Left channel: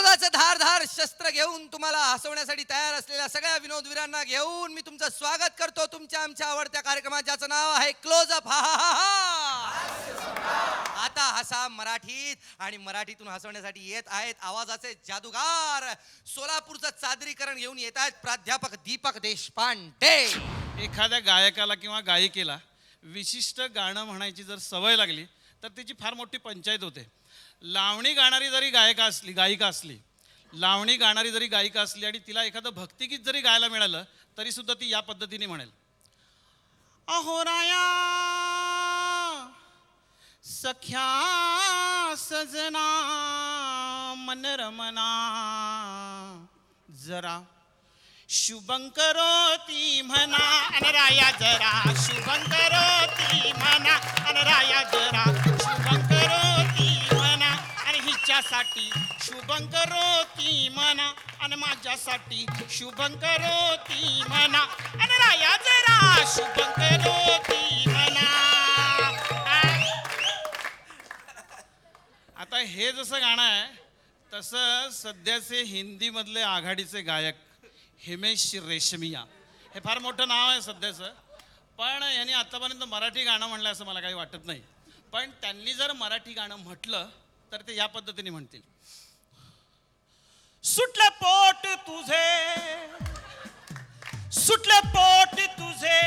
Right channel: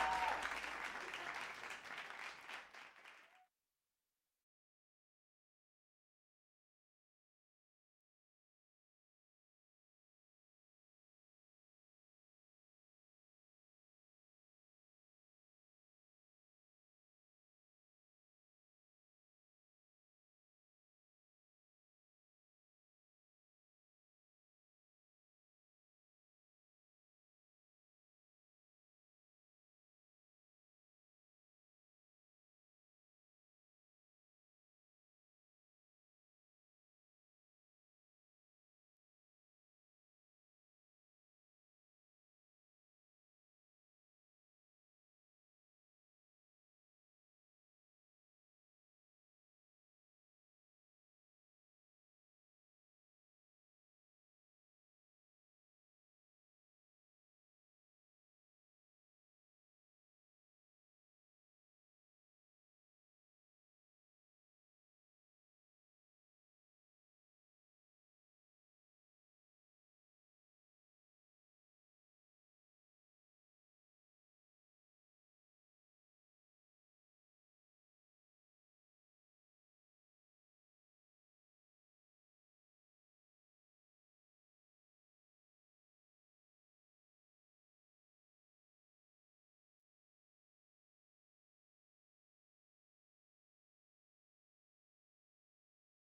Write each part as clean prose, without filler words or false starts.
विनोदाचं धारधार शस्त्र घेऊन तुम्हाला हसवण्यासाठी तयार असलेल्या सगळ्या विनोदवीरांना घेऊन मी तुमचं स्वागत करतो तुमच्या आमच्या आवडत्या कार्यक्रमात, ज्याचं नाव आहे क्लोजअप. हा हा हा हा. आता हसा मराठीत, आणि मराठीतून हसवण्यासाठी येत आहेत आवाजाचे जादूगार. सोलापूरचं चादरीकरण घेऊन येत आहेत प्राध्यापक दीपक देशपांडे. एखाद्या गायकाला किंवा गायिकेला विशिष्ट गाणं म्हणायची जर सवय लागली तर त्याची फार मोठी पंचायत होते. लावणी गाणारी जरी गायिका असली आणि तिला एखादं भक्तिगीत जरी गायला मिळालं तरी सुद्धा ती या पद्धतीने म्हणेल, अहो राया सख्या सजना मन रमना जरा शुभंकरोती म्हणा अनराया जरा शुभंकरोती म्हणा अनराया जरा शुभंकरोती म्हणा आणि हिच्यासाठी शुभंकरोती म्हणा आणि माझ्यासाठी शुभंकरोती म्हणा अनराया जरा शुभंकरोती म्हणा. आता हे जसं गाणं आहे तसं सध्याचे हिंदीमधले आघाडीचे गायक हिमेश रेशमिया हे फार मोठं नाव आहे सध्याचं, पण यांनी आत्तापर्यंत मराठी गाणं म्हणलं असं मला काही वाटत नाही. पण त्यांनी जर मराठी गाणं म्हटलं तर ते या पद्धतीने म्हणतील, सुटले पोट तुझे सुटले पोट तुझे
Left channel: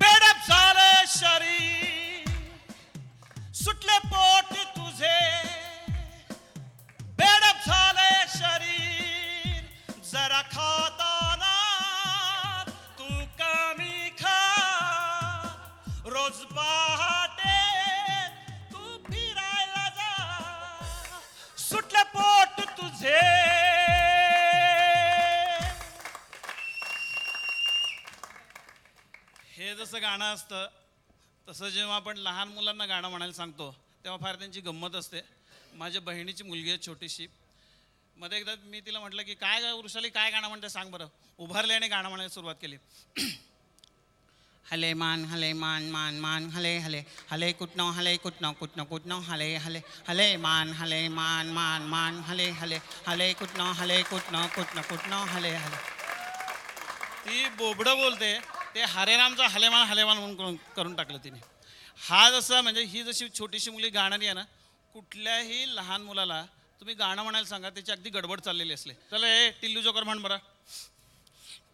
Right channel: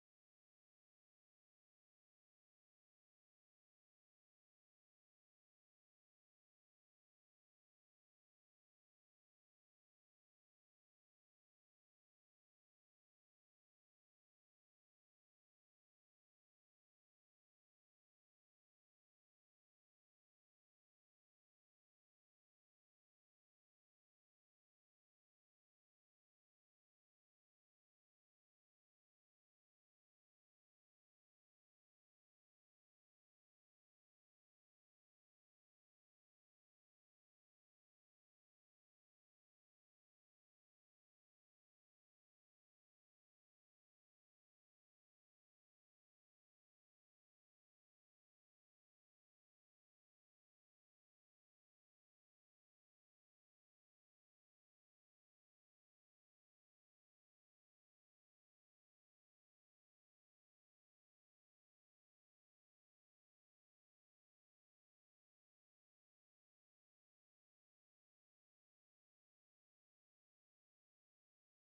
बेडप झालं शरीर सुटले पोट तुझे बेडप झाले शरीर जरा खाताना तू कमी खा रोज पहाटे तू फिरायला जा सुटले पोट तुझे. हे जसं गाणं असतं तसं जेव्हा आपण लहान मुलांना गाणं म्हणायला सांगतो तेव्हा फार त्यांची गंमत असते. माझ्या बहिणीची मुलगी आहे छोटीशी, मध्ये एकदा मी तिला म्हटलं की काय वृषाली काय गाणं म्हणते सांग बरं. उभारले आणि गाणं म्हणायला सुरुवात केली, हले मान मान मान हले हले हले कुटनो कुटनो हले हले हले मान मान मान हले हले हले कुटनो कुटनो हले हले. ती बोबडं बोलते ते हरेरामचा हलेमान म्हणून करून टाकलं तिने. हा जसं म्हणजे ही जशी छोटीशी मुली गाणारी आहे ना, कुठल्याही लहान मुलाला तुम्ही गाणं म्हणायला सांगा त्याची अगदी गडबड चाललेली असले. चला हे टिल्लू जोकर म्हण बरं.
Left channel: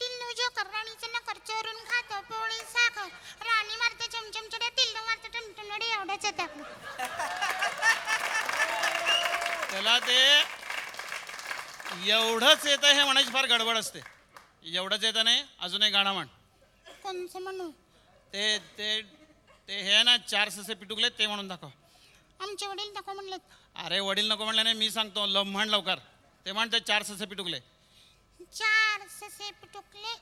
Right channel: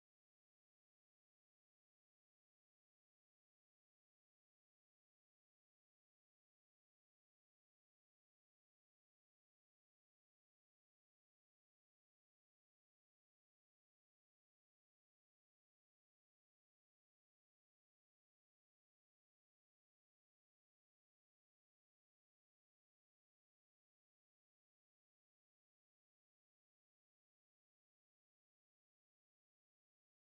टिल्लू जोकर राणीचं नकर चोरून खातो पोळी साखर राणी मारते चमचमचड्या टिल्लू मारते टमटमडे एवढंच येतं आपलं. त्याला ते एवढंच येतं हे म्हणायची फार गडबड असते. एवढंच येतं नाही अजून एक गाणं म्हण. कोणचं म्हणू? ते ते ते हे ना 4 ससे पिटुकले ते म्हणून दाखव. आमचे वडील नको म्हणलेत. अरे वडील नको म्हणले नाही मी सांगतो म्हण लवकर. ते म्हणते 4 ससे पिटुकले. 4 ससे पिटुकले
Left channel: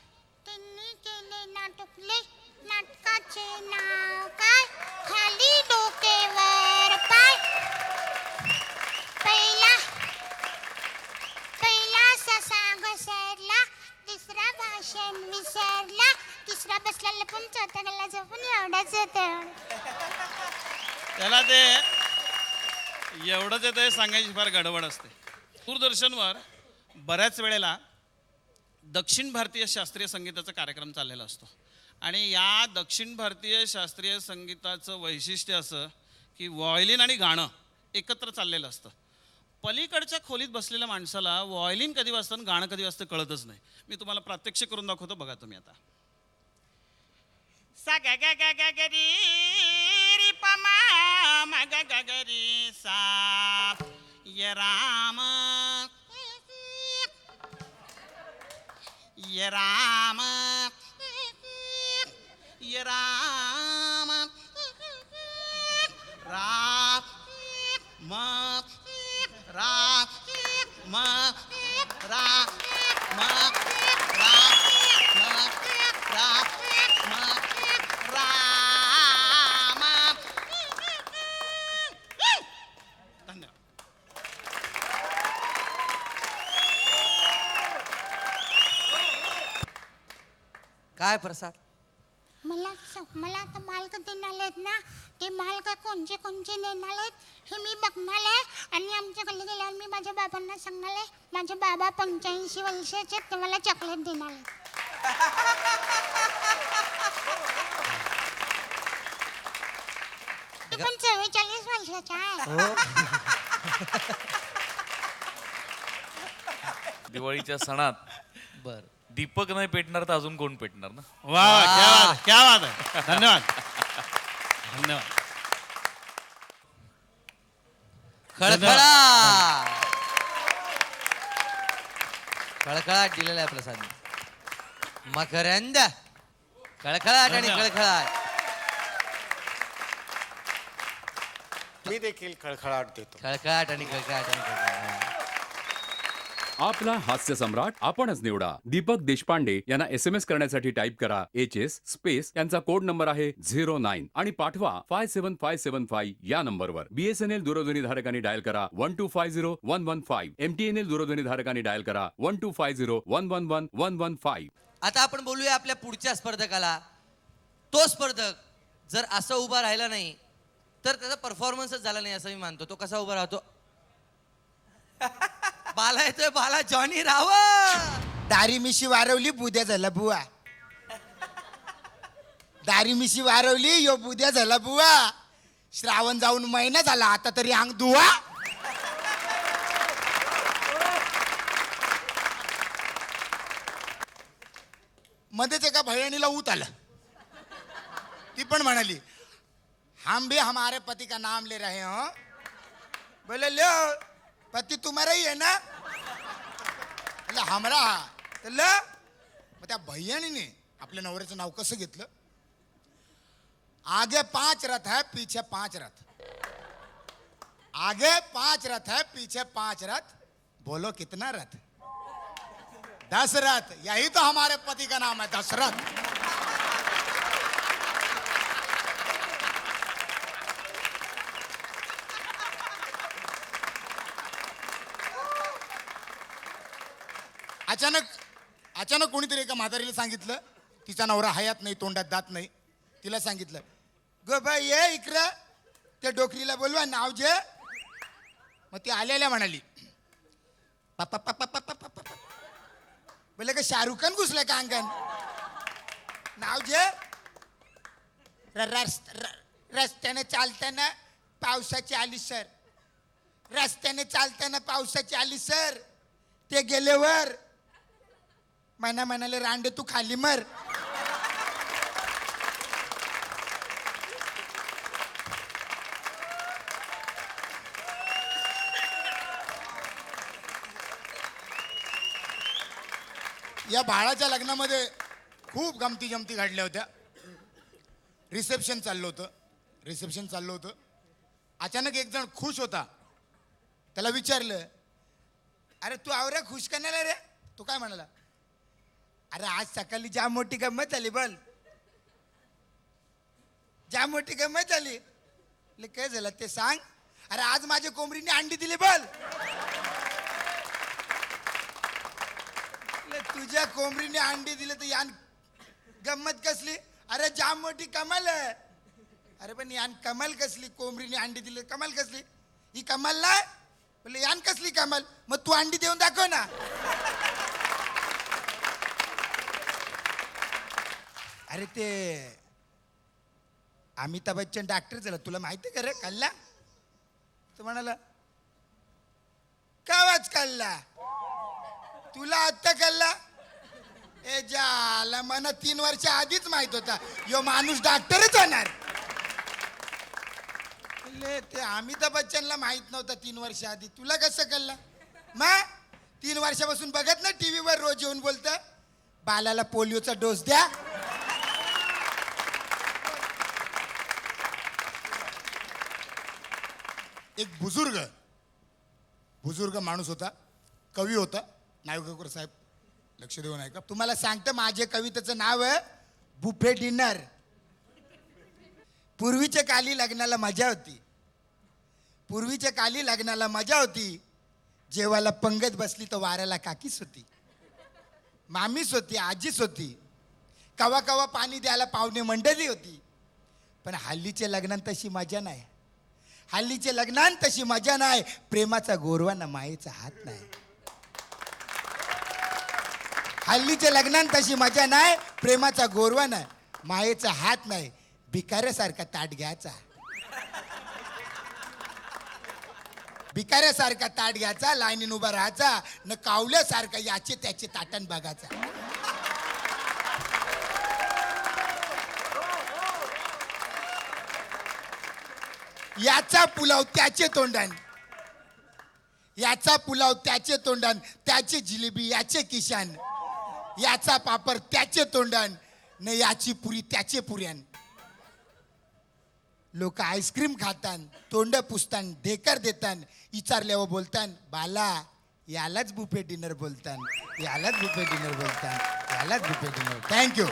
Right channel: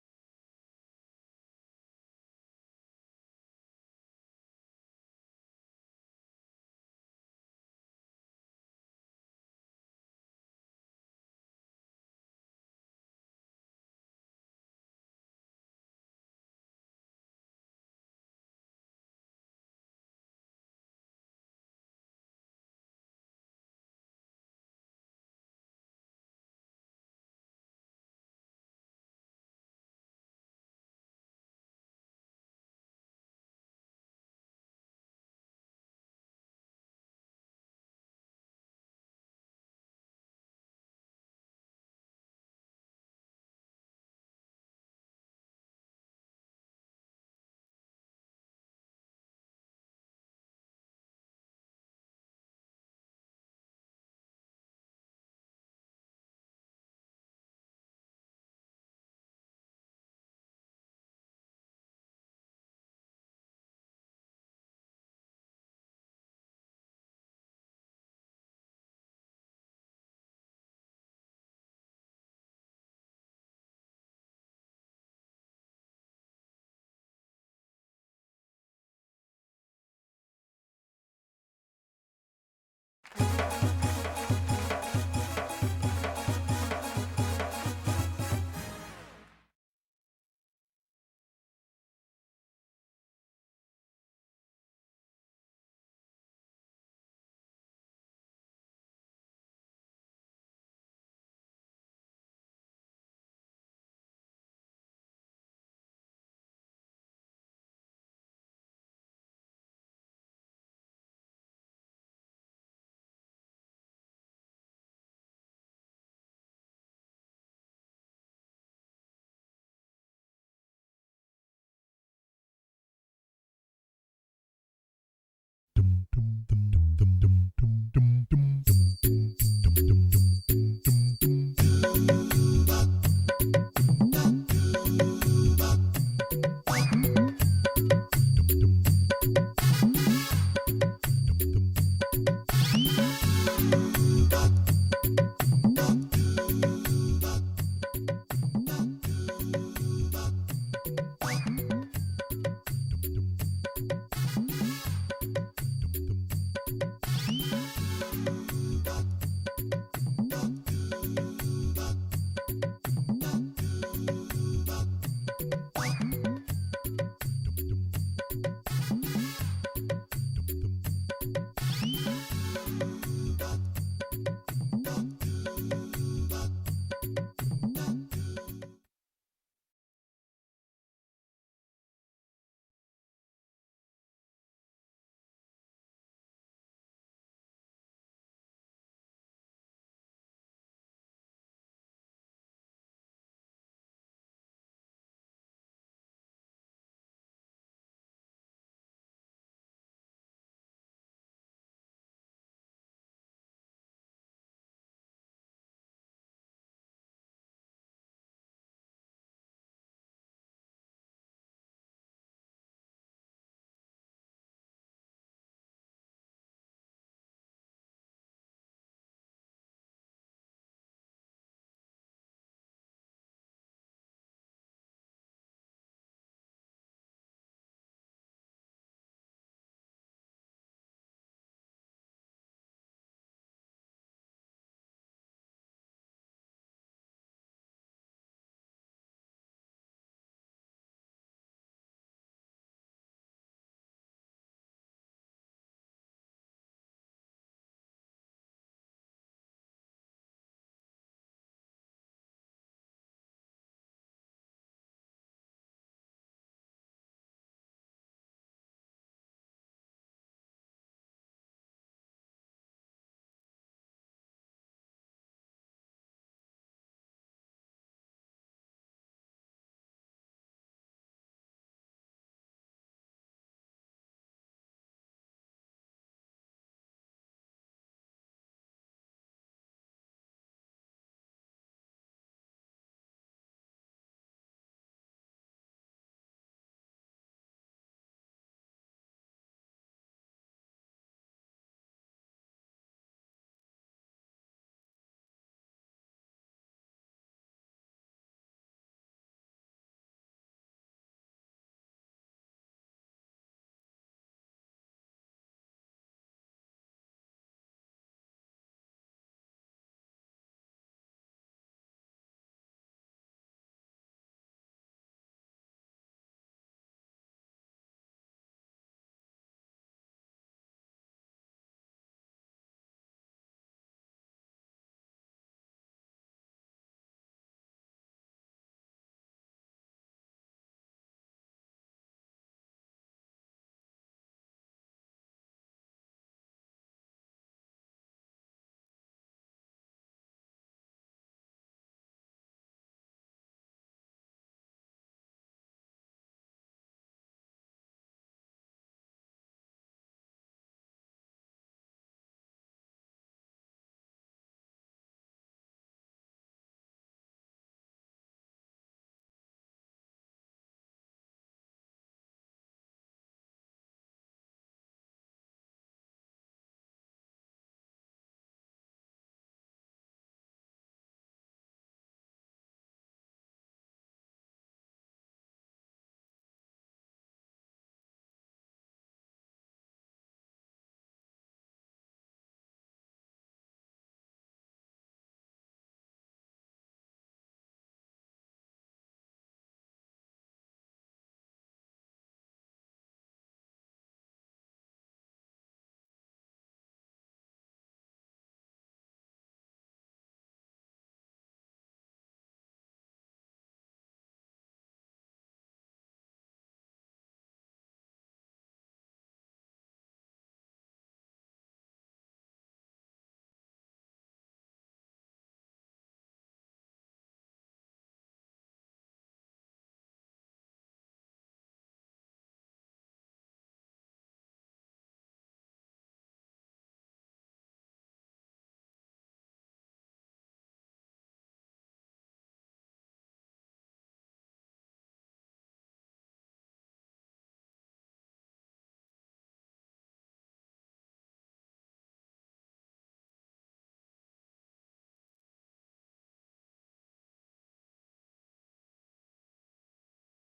त्यांनी केले नाटुकले नाटकाचे नाव काय खाली डोकेवर पाय पहिला ससा घसरला दुसरा भाषण विसरला तिसरा बसला लपून चौथा गल्ला झोपून एवढाच येतं. त्याला ते एवढंच येतं हे सांगायची फार गडबड असते. दूरदर्शनवर बऱ्याच वेळेला दक्षिण भारतीय शास्त्रीय संगीताचा कार्यक्रम चाललेला असतो आणि या दक्षिण भारतीय शास्त्रीय संगीताचं वैशिष्ट्य असं की व्हायोलिन आणि गाणं एकत्र चाललेलं असतं. पलीकडच्या खोलीत बसलेल्या माणसाला व्हायोलिन कधी वाजतं आणि गाणं कधी वाजतं कळतच नाही. मी तुम्हाला प्रात्यक्षिक करून दाखवतो, बघा तुम्ही आता. सा ग ग ग ग ग री री प मा म ग ग ग री सा य राम य राम य राम राम म राम म राम म राम म राम म राम. काय प्रसाद, मला आता माल कधी देणार ना, ते माल का कोणचे कोणचे देणार आहेत हे मी बघणार आहे. आणि आमच्या गल्ली गेल्यावर मी माझ्या बाबांना सांगणार आहे, माझे बाबा 85 वर्षाचे आहेत, ते मला चॉकलेट देणार आहेत. ते पण 44 वर्षाचा आहे. दिवाळीच्या सणात बर दीपक नाही पेटणार तर अजून कोण पेटणार ना? वा वा, क्या बात आहे. धन्यवाद धन्यवाद. खळखळा खळखळाट दिलेला आहे प्रसाद. मकरंद खळखळाट आणि खळखळाट. मी देखील खळखळाट. खळखळाट आणि खळखळाट. आपला हास्य सम्राट आपणच निवडा. दीपक देशपांडे यांना SMS करण्यासाठी टाईप करा HS स्पेस यांचा कोड नंबर आहे 09 आणि पाठवा 57575 या नंबरवर. BSNL दूरध्वनी धारकांनी डायल करा 1250115. MTNL दूरध्वनी धारकांनी डायल करा 12501111115. आता आपण बोलूया आपल्या पुढच्या स्पर्धकाला. तो स्पर्धक जर असं उभा राहिला नाही तर त्याचा परफॉर्मन्सच झाला नाही असं मी मानतो. तो कसा उभा राहतो? बाला येतोय, बाला जॉनी राव. दारी मिशी वारवली बुद्या झाला बुवा. दारी मिशी वारवली यो बुद्या झाला बुवा. श्रावण जाऊन महिना झाला आता तरी अंग दुवा. मध्येच एका भयाणीला ऊत आलं. ती पण म्हणाली हम भी हमारे पति का नाम ले रहे हो. बोले लो पति तुम्हारा ही है ना. बोले हमरा. तर ल मग त्या भैयाणीने आपल्या नवऱ्याचं नाव कसं घेतलं? आगे 5 रथ है पीछे 5 रथ. आगे 5 रथ है पीछे 5 रथ. बोलो कितना रथ? 10 रथ. यही तो हमारे पति का नाम है, दशरथ. अचानक कोणीतरी एका म्हातारीला सांगितलं, तिचा नवरा हयात नाही, तोंडात दात नाही. तिला सांगितलं ग बाई ये इकडं, त्या डोकरीला बोलवा नाव जे. मग ती आल्याला म्हणाली बोले का शाहरुख खान घुसलाय का अंगण. नाव जे. रस्त्याने चालताना पावसाची आली सर. रस्त्याने चालताना पावसाची आली सर. ते गेल्यावर म्हणाले रांडे तू खाली मर. या बाळाच्या लग्नामध्ये खूप गमती जमती घडल्या होत्या. रिसेप्शन चाललं होतं. अचानक एक जण खुश होता. त्याला विचारलं अरे तू आवऱ्या खुश करण्याला रे. तू काय म्हणाला? अरे आज सकाळी जाम मोठी गंमत झाली. बोल जाम मोठी गंमत झाली. काय झालं ते सांग. अरे आज माझ्या कोंबडीने अंडी दिली. बोल तुझ्या कोंबडीने अंडी दिले तर यान गंमत कसली? अरे जाम मोठी कमाल आहे. अरे पण यान कमाल कसली? कोंबडीने अंडी दिली कमाल कसली? ही कमाल नाही. बोले यान कसली कमाल? मग तू अंडी देऊन दाखव ना. अरे ते अमिताभ बच्चन डॉक्टर झाला, तुला माहिती का रे? कल्ला तो म्हणाला कावाच कल्ला तुला आत्ता कल्ला. ए जाला मला 3 वर्ष आधीच माहित होता यो माणूस डॉक्टरच होणार. ते अमिताभ बच्चनला माहित नव्हतं 3 वर्ष आधी. तुला कसं कळलं? मग 3 वर्षापासून बघत ना टीव्हीवर रोज येऊन बोलतं बालाला पोलिओचा डोस द्या. एक बुजुर्ग माणूस होता, कवी होता. नायगावकर साहेब लक्ष देऊन ऐका. तुम्हाला सांगतं माझे कवितेचं नाव आहे बुफे डिनर. पूर्वीच्या काली लग्नाला मजा होती. जेवायला पंगत बसली तर वाऱ्याला काकीच होती, मामीच होती, आजीच होती. कवा कवा पाणी द्यायला पाहुणे मंडळी होती. पण हल्लीच्या लग्नात तशी मजा नाही. हल्लीच्या लग्नात तशी मजा नाही. प्रेमाचा गोरवा ना मायेचा हात नाही. हल्लीच्या लग्नात तशी मजा नाही. प्रेमाचा गोरवा नाही, मायेचा हात नाही. भिकाऱ्यासारखा ताट घ्यायचा, भिकाऱ्यासारखा ताट घ्यायचा, लाईनीन उभा राहायचा न कावल्यासारखा याचे त्याचे ताटण बघायचा. याचा पुलाव त्याचे तोंडान, याचा पुलाव त्याचे तोंडान, त्याची जिलेबी याचे किशान, याचा पापड त्याचे तोंडान न याची पुरी त्याचे पुऱ्यान. लोक आईस्क्रीम खातान, तोंड पुसतान, ढेकर देतान, विचारल्यावर बोलतान बाला यालाच बुफे डिनर बोलतान, यालाच बुफे डिनर बोलतान, यालाच बुफे डिनर. थँक्यू.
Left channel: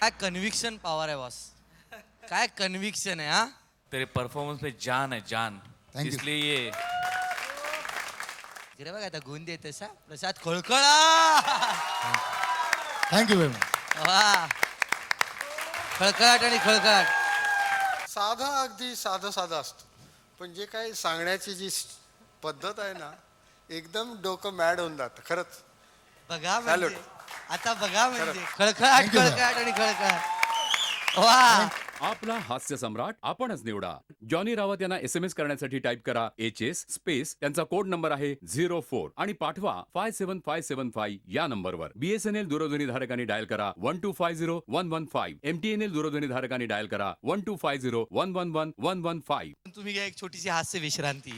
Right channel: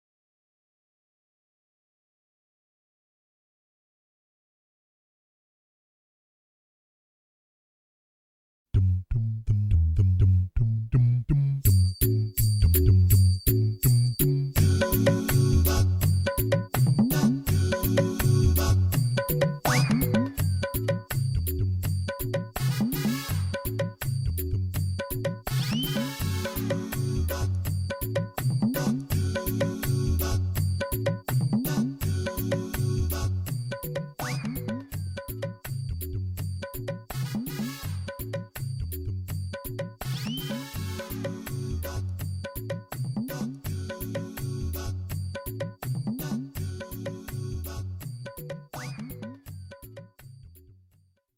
काय कन्व्हिक्शन पॉवर आहे बॉस, काय कन्व्हिक्शन आहे. हा तेरे परफॉर्मेंस में जान है जान. Thank you. इसलिए ये इकडे बघ आता गुण देते सा प्रसाद खोळखळा. थँक्यू वेरी वा, खळखळाट आणि खळखळाट. साधा अगदी साधा साधा असतं. म्हणजे काय सांगण्याची जी पद्धत आहे ना, एकदम डोकं मॅड होऊन जातं खरंच. बघा Salute. म्हणजे. आता बघा म्हणजे खळखळाट खळखळाट आणि खळखळाट. वा, आपला हास्य सम्राट आपणच निवडा. जॉनी रावत यांना SMS करण्यासाठी टाईप करा HS स्पेस त्यांचा कोड नंबर आहे 04 आणि पाठवा 57575 या नंबरवर. BSNL दूरध्वनी धारकांनी डायल करा 1250115. MTNL दूरध्वनी धारकांनी डायल करा 1250111 115. तुम्ही घ्या एक छोटीशी हास्य विश्रांती.